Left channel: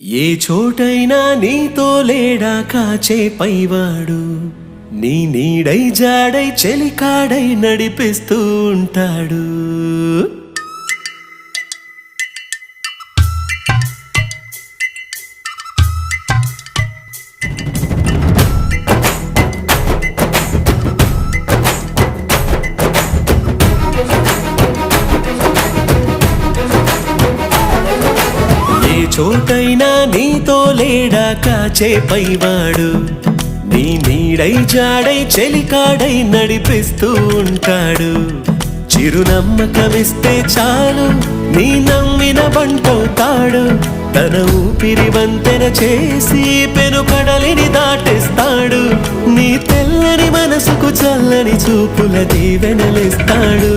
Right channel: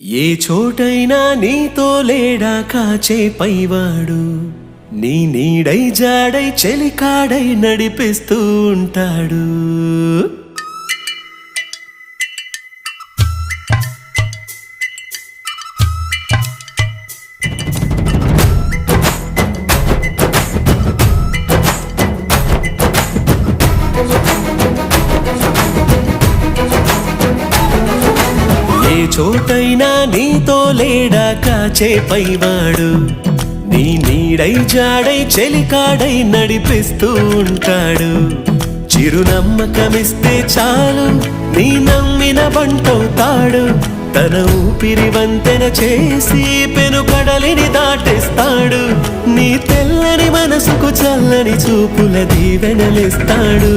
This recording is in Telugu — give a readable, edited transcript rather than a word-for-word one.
ఏ చోటైనా నీతో లేడా కాచే పైవాడు, నీ నీడై జాడై చెలికాడై నడిపిస్తూ ఉంటాడు. ఏ చోటైనా నీతో లేడా కాచే పైవాడు, నీ నీడై జాడై చెలికాడై నడిపిస్తూ ఉంటాడు. చిరునమ్మకమిస్తే చాలు నీ నమ్మిన బంటవుతాడు. తన ఊపిరి వంతెన చేసి పెను కడలిని దాటిస్తాడు. నీ తెల్లని మనసుకు చల్లని చూపుల దీవెనలిస్తాడు.